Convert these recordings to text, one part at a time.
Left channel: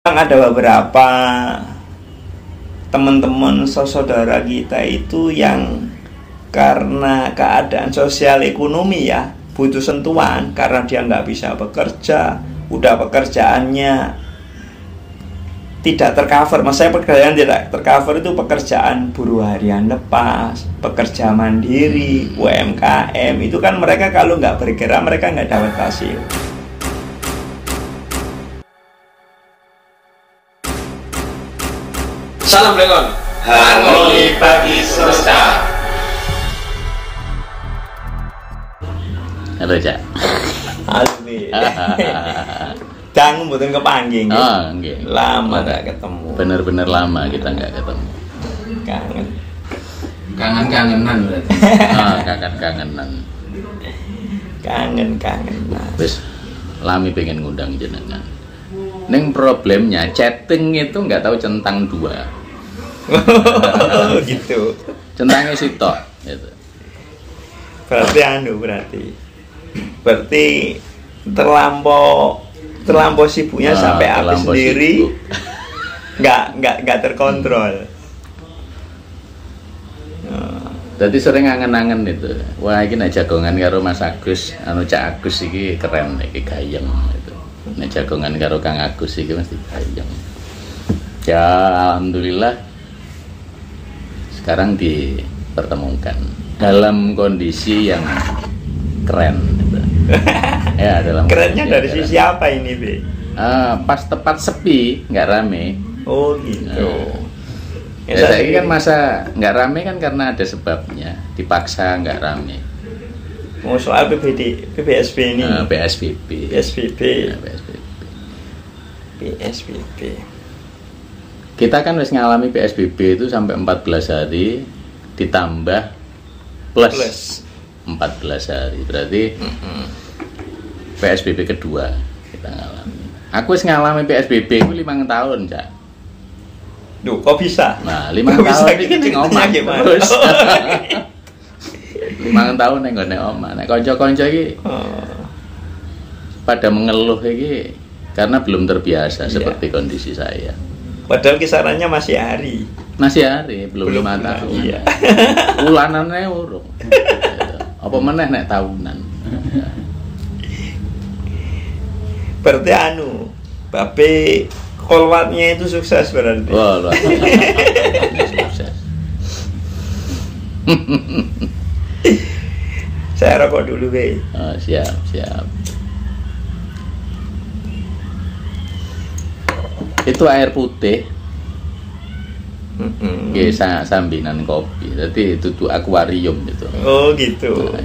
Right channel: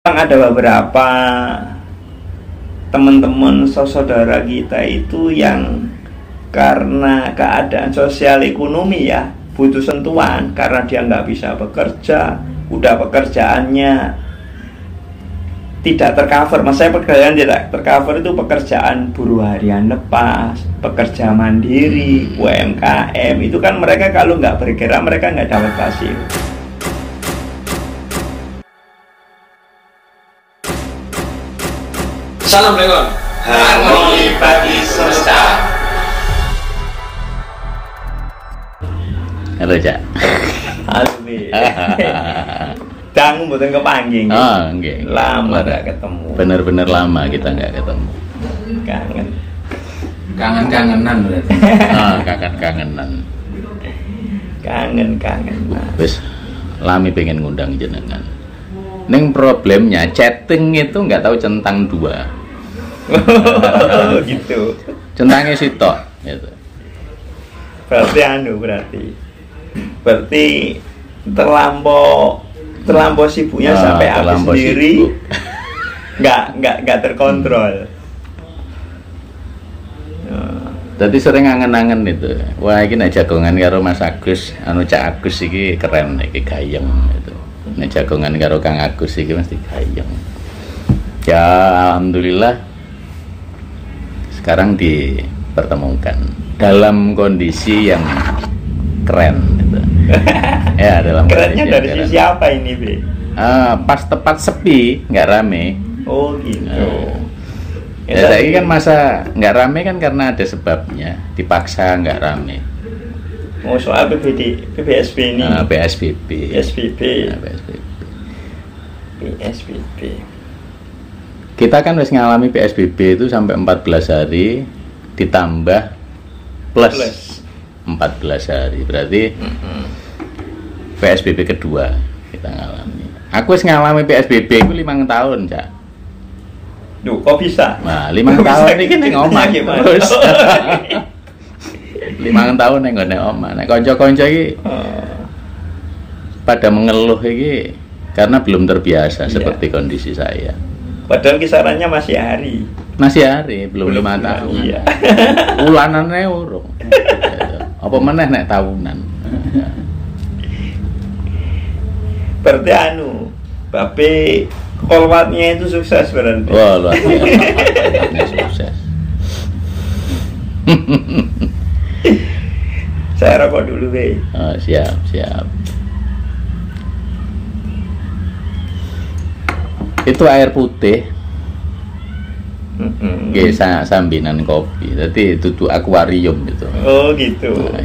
Ada beberapa teman-teman saudara kita itu yang karena keadaan sosial ekonomi ya butuh sentuhan karena dia nggak bisa bekerja, udah pekerjaannya tidak tercover. Maksudnya pekerjaan tidak tercover itu pekerjaan buruh harian lepas, pekerja mandiri, UMKM itu kan mereka kalau nggak bergerak mereka nggak dapat hasil. Salam Blegon, harmoni bagi semesta. Halo Cak. Halo Bi. Dang mboten kepanggih. Oh, nggih. Lama gak ketemu. Bener-bener lama kita nggak ketemu. Kangen. Kangen-kangenan berarti. Oh, kangen-kangenan. Kangen. Wis lami pengen ngundang jenengan. Neng problemnya chatting itu nggak tahu centang dua. Gitu. Centangnya sitok gitu. Berarti terlampau sibuknya sampai aku sendiri nggak terkontrol. Tadi sering angen-angen itu. Wah, ini nek jagongan karo Mas Agus, anu Cak Agus iki keren iki gayeng gitu. Nek jagongan karo Kang Agus iki mesti gayeng. Ya alhamdulillah sekarang dipertemukan dalam kondisi yang keren gitu. Ya, dalam kerennya dari sisi apa ini, Be? Pas tepat sepi, nggak rame. Oh gitu. Ya, saya kan masa nggak rame kan karena ada sebabnya, dipaksa nggak rame. Oh, soal PSBB ini. PSBB. PSBB. Kita kan harus ngalami PSBB itu sampai 14 hari ditambah plus 14 hari. Berarti PSBB kedua kita ngalami. Aku harus ngalami PSBB itu 5 tahun, Cak. Duh, kok bisa? Nah, 5 tahun ini kan ngomong terus. 5 tahun yang nggak omah. Nek konco-konco iki pada mengeluh iki karena belum terbiasa seperti kondisi saya. Padahal kisarannya masih hari, belum 5 tahun. Iya. Ulanannya urung. Apa meneh nek tahunan. Berarti Babe kolwatnya itu sukses berarti. Wah, luar biasa sukses. Saya rokok dulu, Be. Oh, siap. Itu air putih. Sambinan kopi. Jadi itu akuarium gitu. Oh, gitu.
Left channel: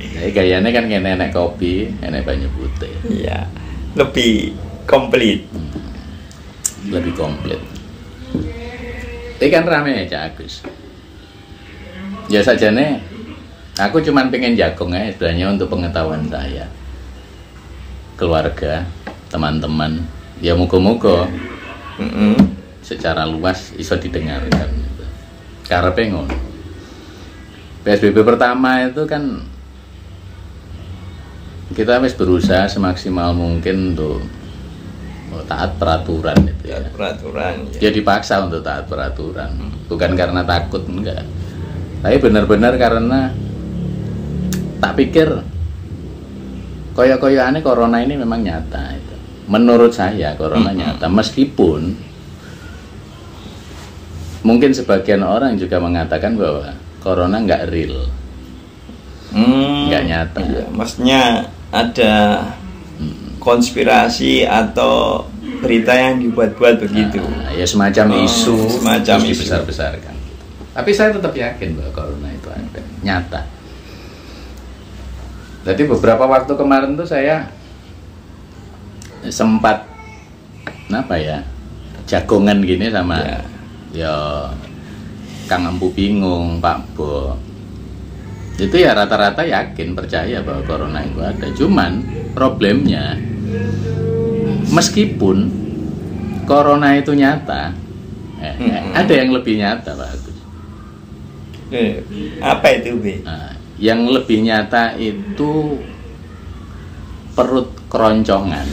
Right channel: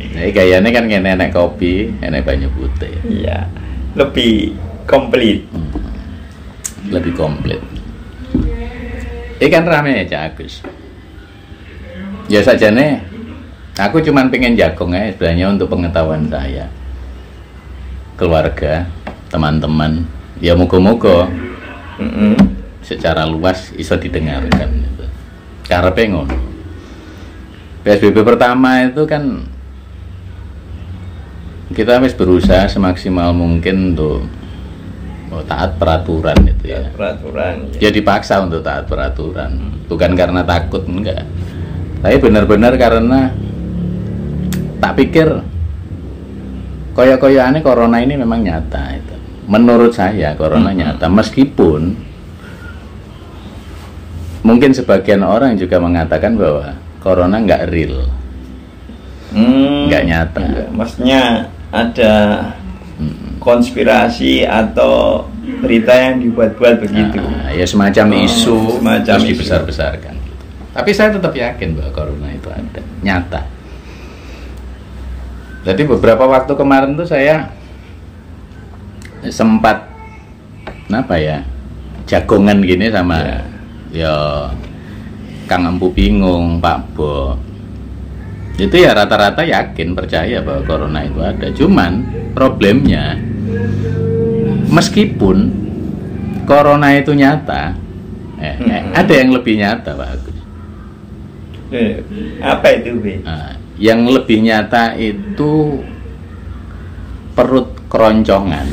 Jadi gayanya kan enak kopi, enak banyak putih. Iya. Lebih komplit. Lebih komplit. Kan rame ya Cak Agus. Ya saja nih. Aku cuman pengen jagong aja sebenarnya untuk pengetahuan saya, keluarga, teman-teman. Ya moga-moga secara luas iso didengarkan. Cara pengen. PSBB pertama itu kan kita harus berusaha semaksimal mungkin untuk taat peraturan itu ya. Ya dipaksa untuk taat peraturan, bukan karena takut, enggak. Tapi benar-benar karena tak pikir koyo-koyoane corona ini memang nyata itu. Menurut saya corona nyata, meskipun mungkin sebagian orang juga mengatakan bahwa corona nggak real, nggak nyata. Iya, maksudnya ada konspirasi atau berita yang dibuat-buat begitu. Ya semacam isu, semacam terus dibesar-besarkan. Tapi saya tetap yakin bahwa corona itu ada, nyata. Jadi beberapa waktu kemarin tuh saya sempat jagongan gini sama ya Kang Empu Bingung, Pak Bo. Itu ya rata-rata yakin, percaya bahwa corona itu ada. Cuman problemnya meskipun corona itu nyata, ada yang lebih nyata, Pak Agus. Apa itu, Be? Yang lebih nyata itu perut keroncongan.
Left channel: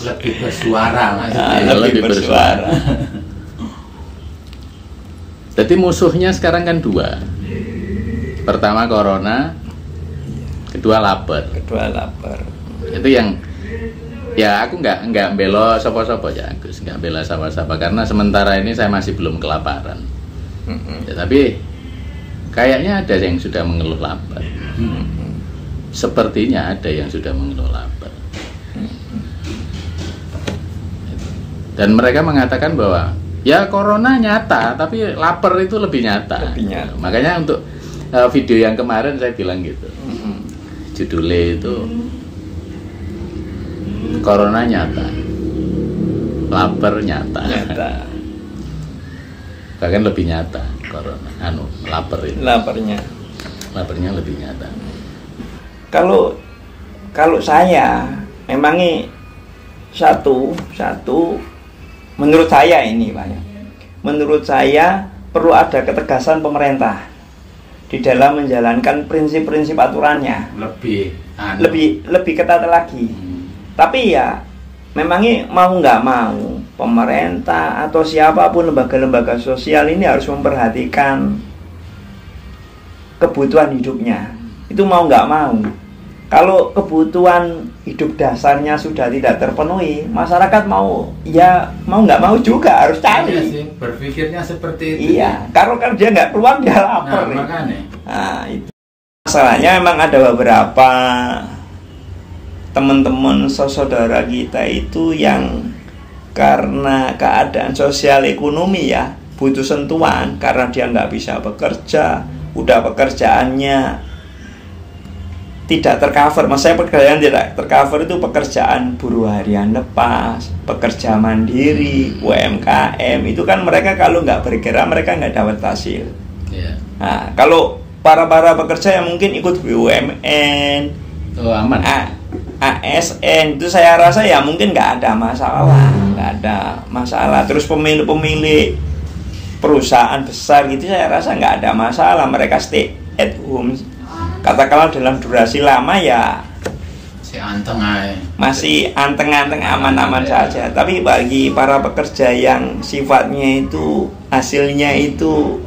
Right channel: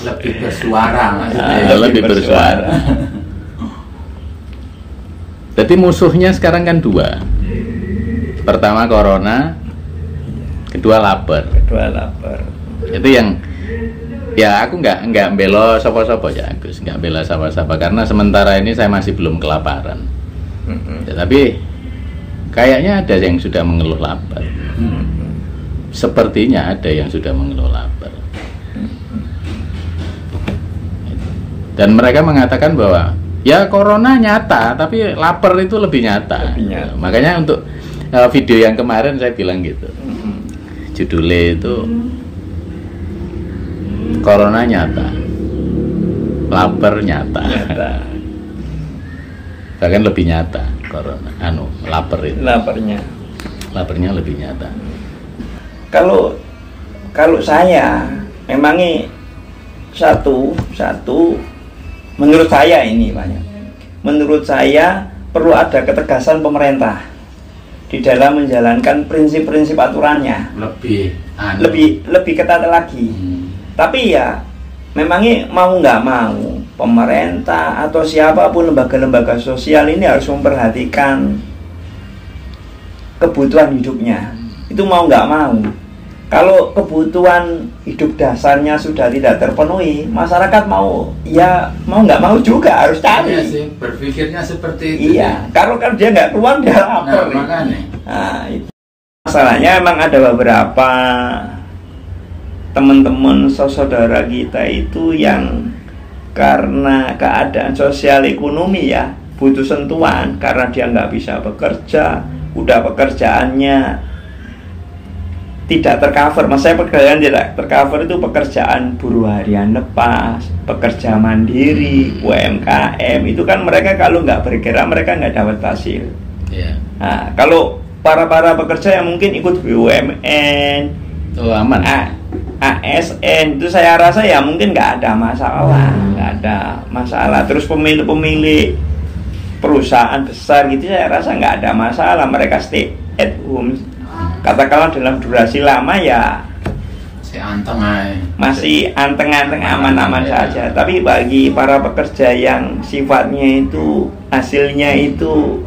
Lebih bersuara Lebih bersuara. Jadi musuhnya sekarang kan dua. Pertama corona, kedua lapar. Itu yang ya aku nggak bela sapa-sapa ya Agus, nggak bela sapa-sapa karena sementara ini saya masih belum kelaparan. Ya, tapi kayaknya ada yang sudah mengeluh lapar. Sepertinya ada yang sudah mengeluh lapar. Dan mereka mengatakan bahwa ya corona nyata, tapi lapar itu lebih nyata. Makanya untuk video yang kemarin saya bilang gitu. Judulnya itu corona nyata, lapar nyata. Bahkan lebih nyata corona, lapar itu. Laparnya lebih nyata. Kalau saya memangnya satu menurut saya ini banyak. Menurut saya perlu ada ketegasan pemerintah di dalam menjalankan prinsip-prinsip aturannya. Lebih ketat lagi. Tapi ya memangnya mau nggak mau pemerintah atau siapapun lembaga-lembaga sosial ini harus memperhatikan kebutuhan hidupnya. Itu mau nggak mau. Kalau kebutuhan hidup dasarnya sudah tidak terpenuhi, masyarakat mau nggak mau juga harus cari. Iya sih, berpikirnya seperti itu. Iya, kalau kan dia nggak keluar dia lapar. Nah, itu masalahnya. Emang ada beberapa teman-teman saudara kita itu yang karena keadaan sosial ekonomi ya butuh sentuhan karena dia nggak bisa bekerja, udah pekerjaannya tidak tercover. Maksudnya pekerjaan tidak tercover itu pekerjaan buruh harian lepas, pekerja mandiri, UMKM. Itu kan mereka kalau nggak bergerak mereka nggak dapat hasil. Nah, kalau para pekerja yang mungkin ikut BUMN, aman. ASN itu saya rasa ya mungkin nggak ada masalah. Terus pemilik perusahaan besar gitu saya rasa nggak ada masalah. Mereka stay at home. Katakanlah dalam durasi lama ya masih anteng-anteng aman-aman saja. Tapi bagi para pekerja yang sifatnya itu hasilnya itu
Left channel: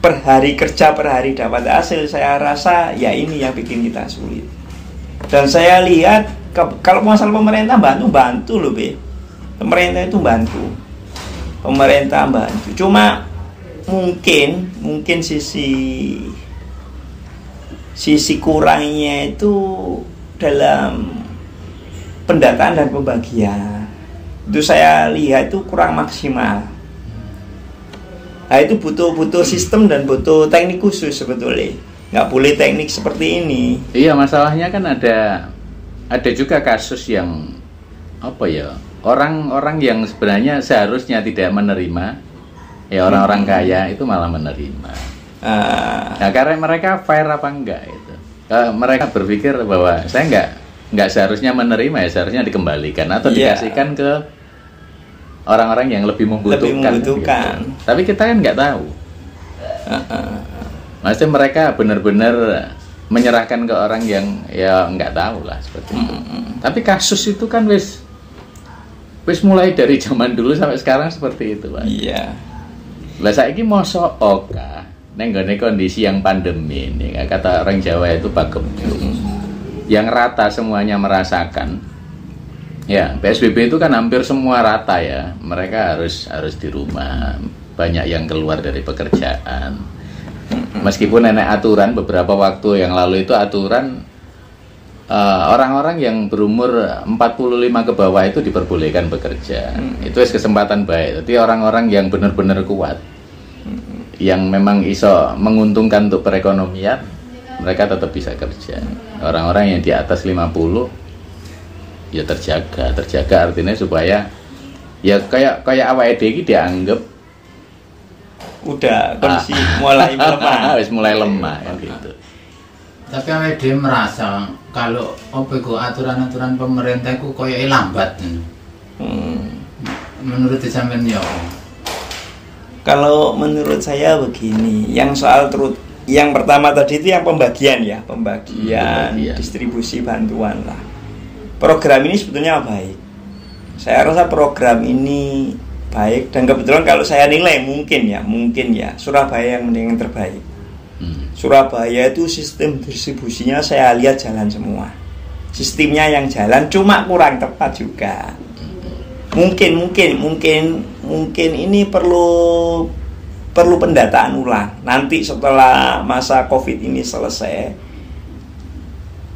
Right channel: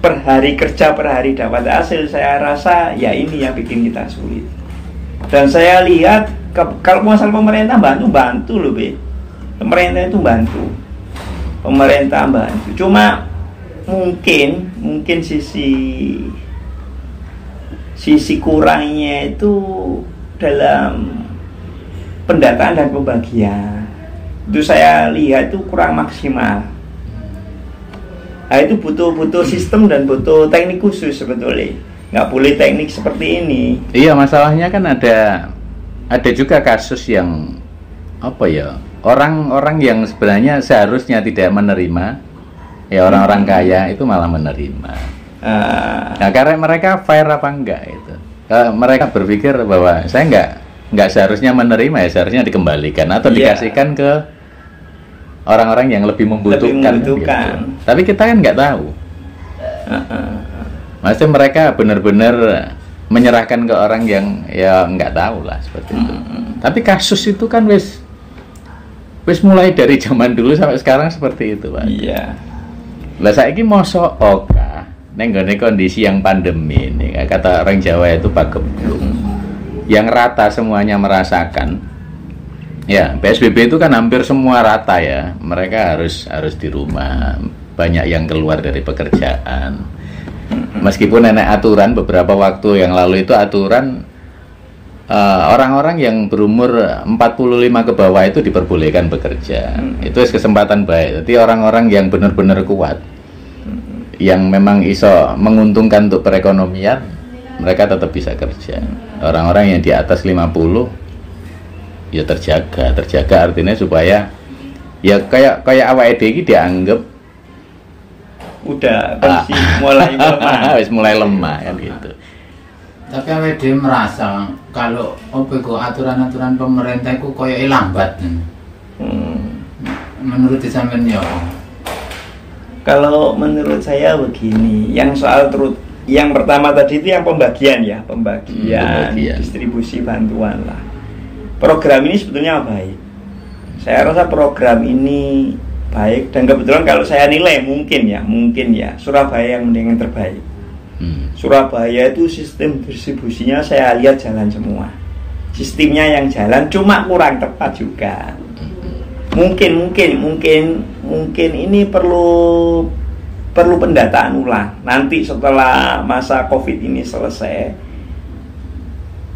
per hari kerja per hari dapat hasil, saya rasa ya ini yang bikin kita sulit. Dan saya lihat kalau masalah pemerintah bantu loh Be. Pemerintah itu bantu. Cuma mungkin sisi kurangnya itu dalam pendataan dan pembagian. Itu saya lihat itu kurang maksimal. Nah, itu butuh sistem dan butuh teknik khusus sebetulnya. Nggak boleh teknik seperti ini. Iya, masalahnya kan ada juga kasus yang orang-orang yang sebenarnya seharusnya tidak menerima, ya orang-orang kaya itu malah menerima. Nah, karena mereka fair apa enggak itu? Mereka berpikir bahwa saya enggak seharusnya menerima, ya seharusnya dikembalikan atau dikasihkan ke orang-orang yang lebih membutuhkan. Gitu. Tapi kita kan nggak tahu. Maksudnya mereka benar-benar menyerahkan ke orang yang ya nggak tahu lah seperti itu. Tapi kasus itu kan wis mulai dari zaman dulu sampai sekarang seperti itu, Pak. Iya. Lah saiki mosok nenggone kondisi yang pandemi ini, kata orang Jawa itu pagebluk, yang rata semuanya merasakan. Ya, PSBB itu kan hampir semua rata ya. Mereka harus di rumah. Banyak yang keluar dari pekerjaan. Meskipun nenek aturan beberapa waktu yang lalu itu aturan orang-orang yang berumur 45 ke bawah itu diperbolehkan bekerja. Itu kesempatan baik. Jadi orang-orang yang benar-benar kuat, yang memang iso menguntungkan untuk perekonomian, mereka tetap bisa kerja. Orang-orang yang di atas 50 ya terjaga artinya supaya ya kayak awake dhewe iki dianggap udah kondisi mulai lemah kan gitu. Tapi awake dhewe merasa kalau aturan-aturan pemerintah itu koyo lambat. Menurut sampean ya? Kalau menurut saya begini, yang soal Yang pertama tadi itu yang pembagian ya, pembagian Pembagian. distribusi bantuan lah. Program ini sebetulnya baik. Saya rasa program ini baik, dan kebetulan kalau saya nilai mungkin ya Surabaya yang terbaik. Surabaya itu sistem distribusinya saya lihat jalan semua. Sistemnya yang jalan, cuma kurang tepat juga. Mungkin ini perlu pendataan ulang. Nanti setelah masa Covid ini selesai,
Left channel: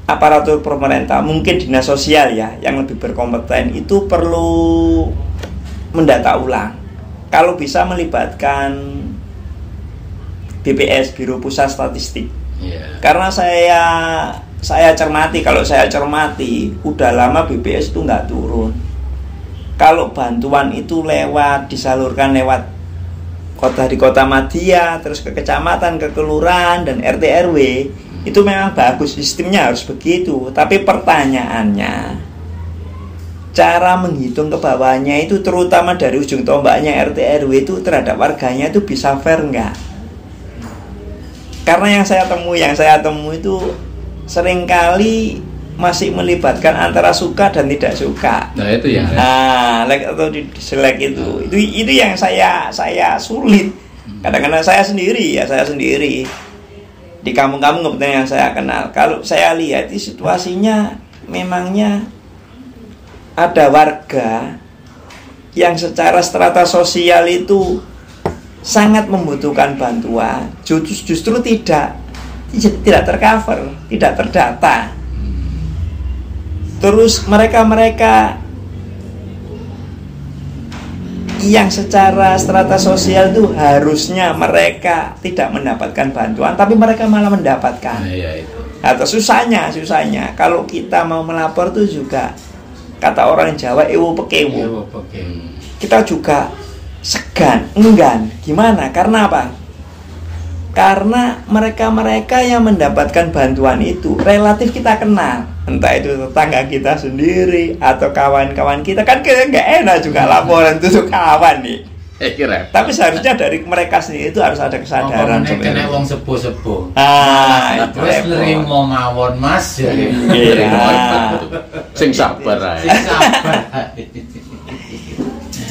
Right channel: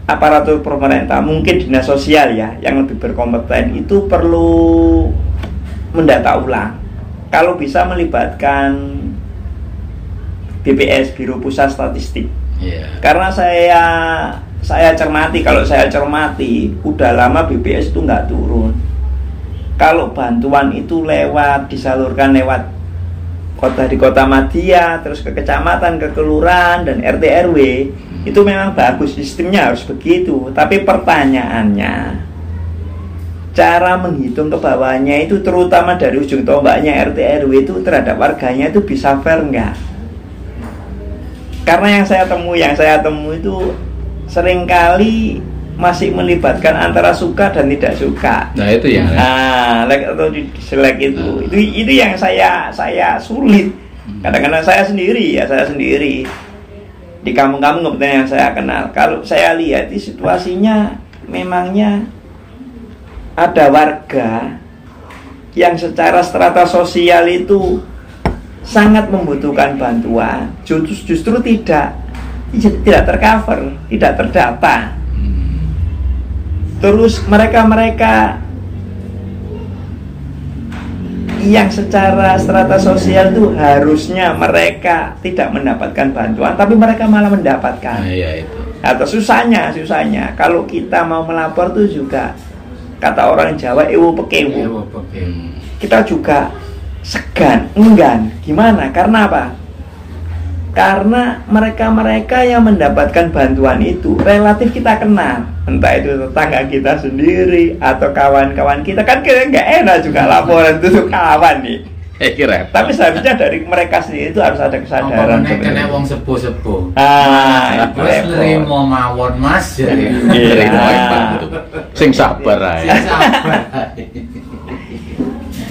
aparatur pemerintah, mungkin dinas sosial ya yang lebih berkompeten itu perlu mendata ulang. Kalau bisa melibatkan BPS, Biro Pusat Statistik. Karena saya cermati, udah lama BPS itu nggak turun. Kalau bantuan itu disalurkan lewat di kota Madya, terus ke kecamatan, ke kelurahan dan RT RW, itu memang bagus, sistemnya harus begitu. Tapi pertanyaannya, cara menghitung ke bawahnya itu, terutama dari ujung tombaknya RT RW itu terhadap warganya itu bisa fair nggak? Karena yang saya temui itu seringkali masih melibatkan antara suka dan tidak suka. Nah itu ya. Like atau dislike itu yang saya sulit. Kadang-kadang saya sendiri di kampung-kampung kebetulan yang saya kenal. Kalau saya lihat di situasinya, memangnya ada warga yang secara strata sosial itu sangat membutuhkan bantuan, justru tidak tercover, tidak terdata. Terus mereka yang secara strata sosial itu harusnya mereka tidak mendapatkan bantuan, tapi mereka malah mendapatkan. Atau susahnya kalau kita mau melapor tuh juga, kata orang Jawa, ewo pekewo. Kita juga segan, enggan. Gimana? Karena apa? Karena mereka yang mendapatkan bantuan itu relatif kita kenal, entah itu tetangga kita sendiri atau kawan-kawan kita. Kan kita nggak enak juga laporan itu kawan nih. Tapi seharusnya dari mereka sendiri itu harus ada kesadaran. Kena wong sepuh-sepuh. Itu nerimo mawon Mas. Sing sabar ae.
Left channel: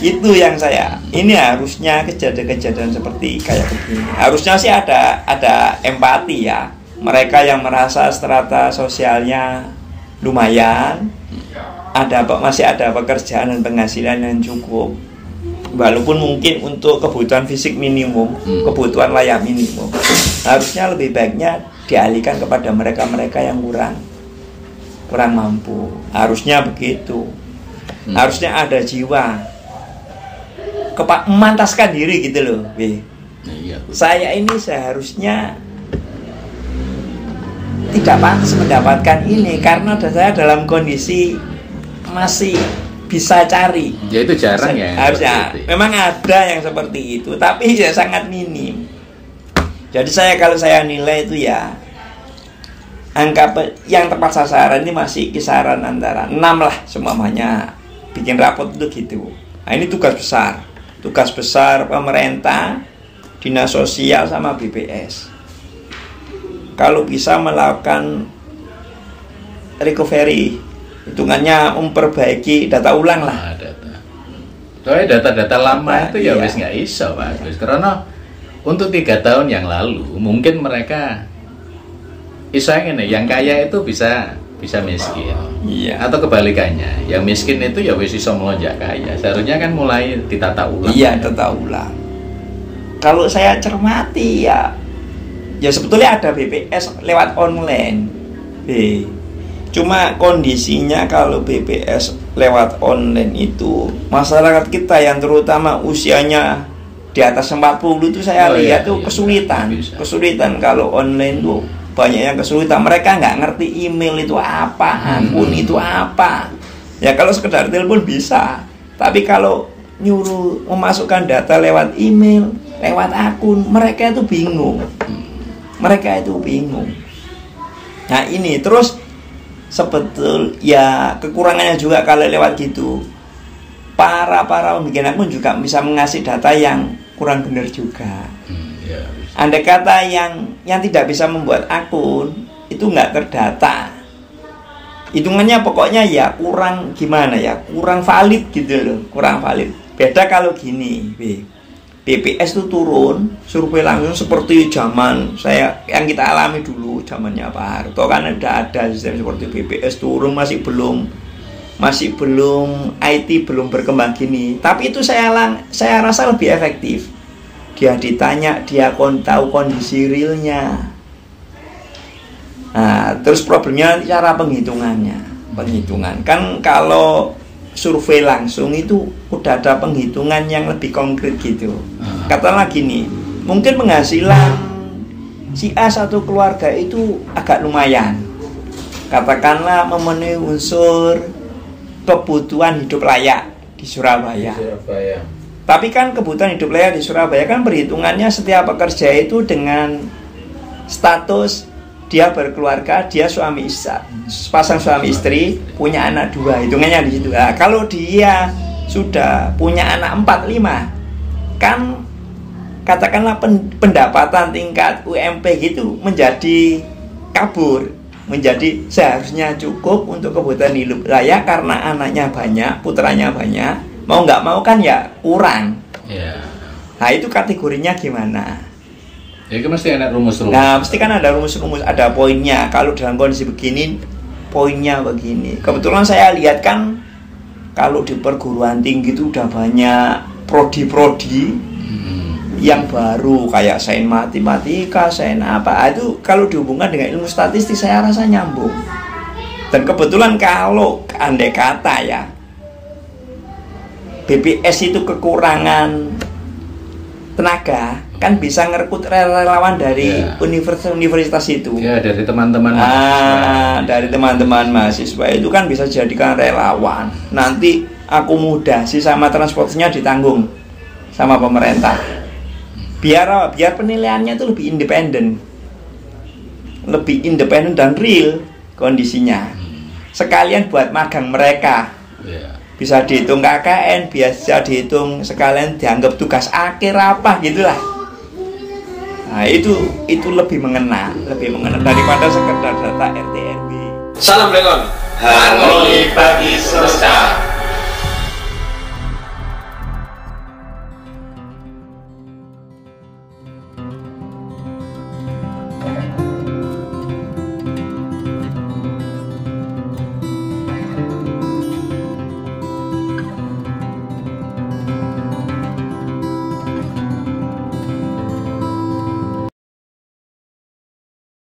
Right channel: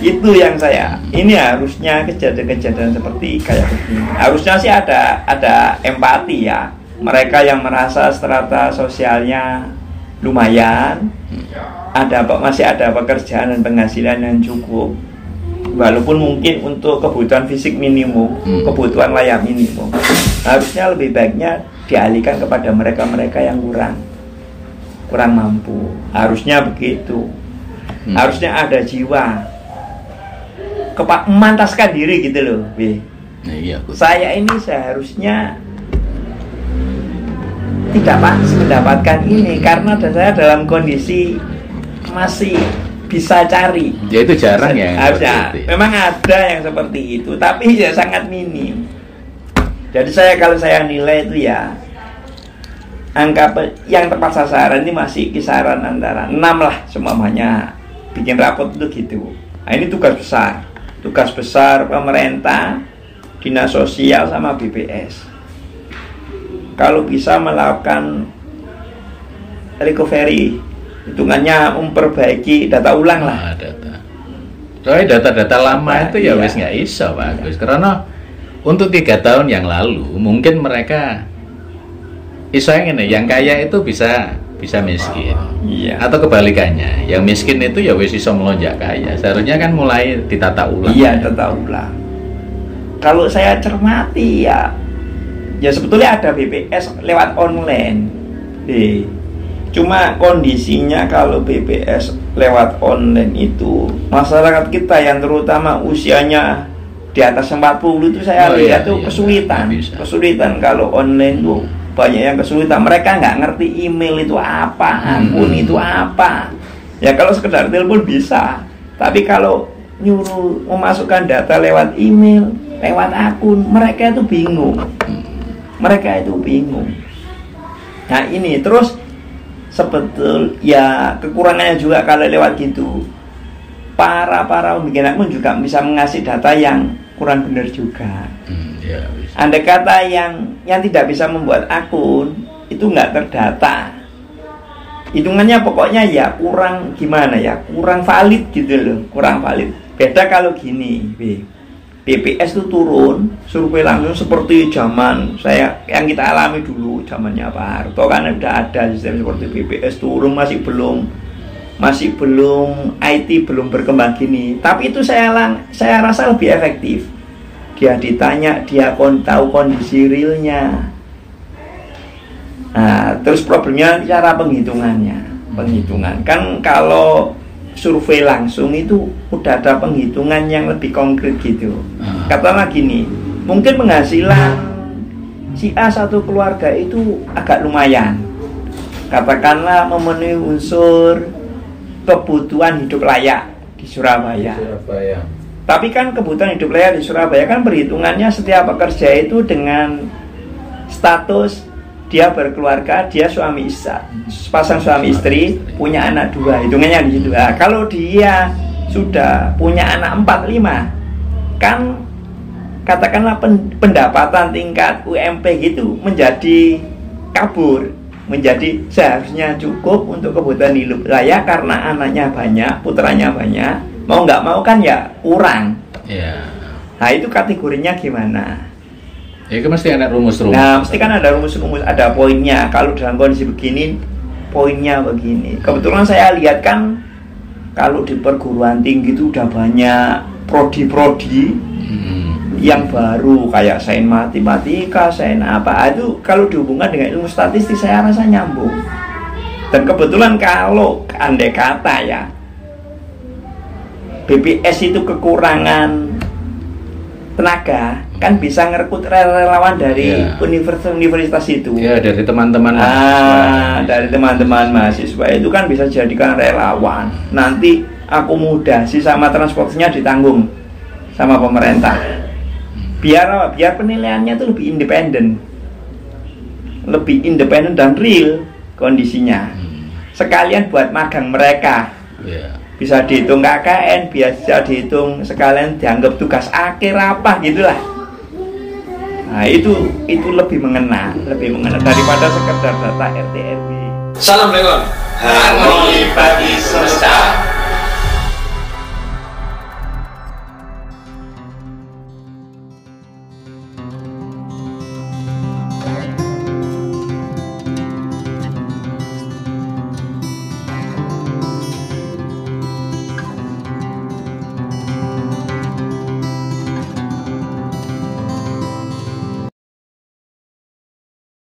Itu yang ini harusnya kejadian-kejadian seperti kayak begini. Harusnya sih ada empati ya. Mereka yang merasa strata sosialnya lumayan, masih ada pekerjaan dan penghasilan yang cukup. Walaupun mungkin untuk kebutuhan fisik minimum, kebutuhan layak minimum, harusnya lebih baiknya dialihkan kepada mereka-mereka yang kurang mampu. Harusnya begitu. Harusnya ada jiwa memantaskan diri gitu loh. Saya ini seharusnya tidak pantas mendapatkan ini karena saya dalam kondisi masih bisa cari. Ya itu jarang ya. Harusnya memang ada yang seperti itu, tapi ya sangat minim. Jadi kalau saya nilai itu ya, angka yang tepat sasaran ini masih kisaran antara 6 lah semuanya. Bikin rapot itu gitu. Nah ini tugas besar pemerintah, dinas sosial sama BPS. Kalau bisa melakukan recovery, hitungannya memperbaiki data ulang lah. Soalnya data-data lama itu ya wis nggak iso Pak Agus, karena untuk 3 tahun yang lalu mungkin mereka yang kaya itu bisa miskin, atau kebalikannya, yang miskin itu ya wis iso melonjak kaya. Seharusnya kan mulai ditata ulang. Tata ulang. Kalau saya cermati ya sebetulnya ada BPS lewat online. Cuma kondisinya kalau BPS lewat online itu, masyarakat kita yang terutama usianya di atas 40 itu saya lihat tuh kesulitan kalau online tuh. Banyak yang kesulitan, mereka nggak ngerti email itu apa, akun itu apa. Ya kalau sekedar telepon bisa, tapi kalau nyuruh memasukkan data lewat email, lewat akun, mereka itu bingung. Nah ini terus kekurangannya juga kalau lewat gitu. para pembikin akun juga bisa mengasih data yang kurang benar juga. Ya, bisa. Andai kata yang tidak bisa membuat akun itu nggak terdata, hitungannya pokoknya ya kurang gimana ya, kurang valid gitu loh, kurang valid. Beda kalau gini, BPS itu turun survei langsung seperti zaman saya yang kita alami dulu, zamannya Pak Harto kan udah ada sistem seperti BPS turun, masih belum IT belum berkembang gini. Tapi itu saya rasa lebih efektif. Dia ditanya, dia tahu kondisi realnya. Nah, terus problemnya cara penghitungan. Kan kalau survei langsung itu udah ada penghitungan yang lebih konkret gitu. Katakanlah gini, mungkin penghasilan si A satu keluarga itu agak lumayan. Katakanlah memenuhi unsur kebutuhan hidup layak di Surabaya. Tapi kan kebutuhan hidup layak di Surabaya kan perhitungannya setiap pekerja itu dengan status dia berkeluarga, dia suami istri, pasang suami istri, punya anak 2, hitungannya di situ. Nah, kalau dia sudah punya anak 4, 5, kan katakanlah pendapatan tingkat UMP gitu menjadi kabur, menjadi seharusnya cukup untuk kebutuhan hidup layak karena anaknya banyak, putranya banyak, mau nggak mau kan ya kurang. Nah itu kategorinya gimana? Ya itu mesti ada rumus-rumus. Nah, mesti kan ada rumus-rumus, ada poinnya. Kalau dalam kondisi begini, poinnya begini. Kebetulan saya lihat kan kalau di perguruan tinggi itu udah banyak prodi-prodi yang baru kayak sains matematika, sains apa. Itu kalau dihubungkan dengan ilmu statistik saya rasa nyambung. Dan kebetulan kalau andai kata ya BPS itu kekurangan tenaga, kan bisa ngerekrut relawan dari universitas itu. Ya, dari teman-teman dari teman-teman mahasiswa itu kan bisa jadikan relawan. Nanti akomodasi sama transportasinya ditanggung sama pemerintah. Biar penilaiannya itu lebih independen dan real kondisinya. Sekalian buat magang mereka. Bisa dihitung KKN, biasa dihitung sekalian dianggap tugas akhir apa gitulah. Nah itu lebih mengena daripada sekedar data RT RW. Salam Blengon, harmoni bagi semesta.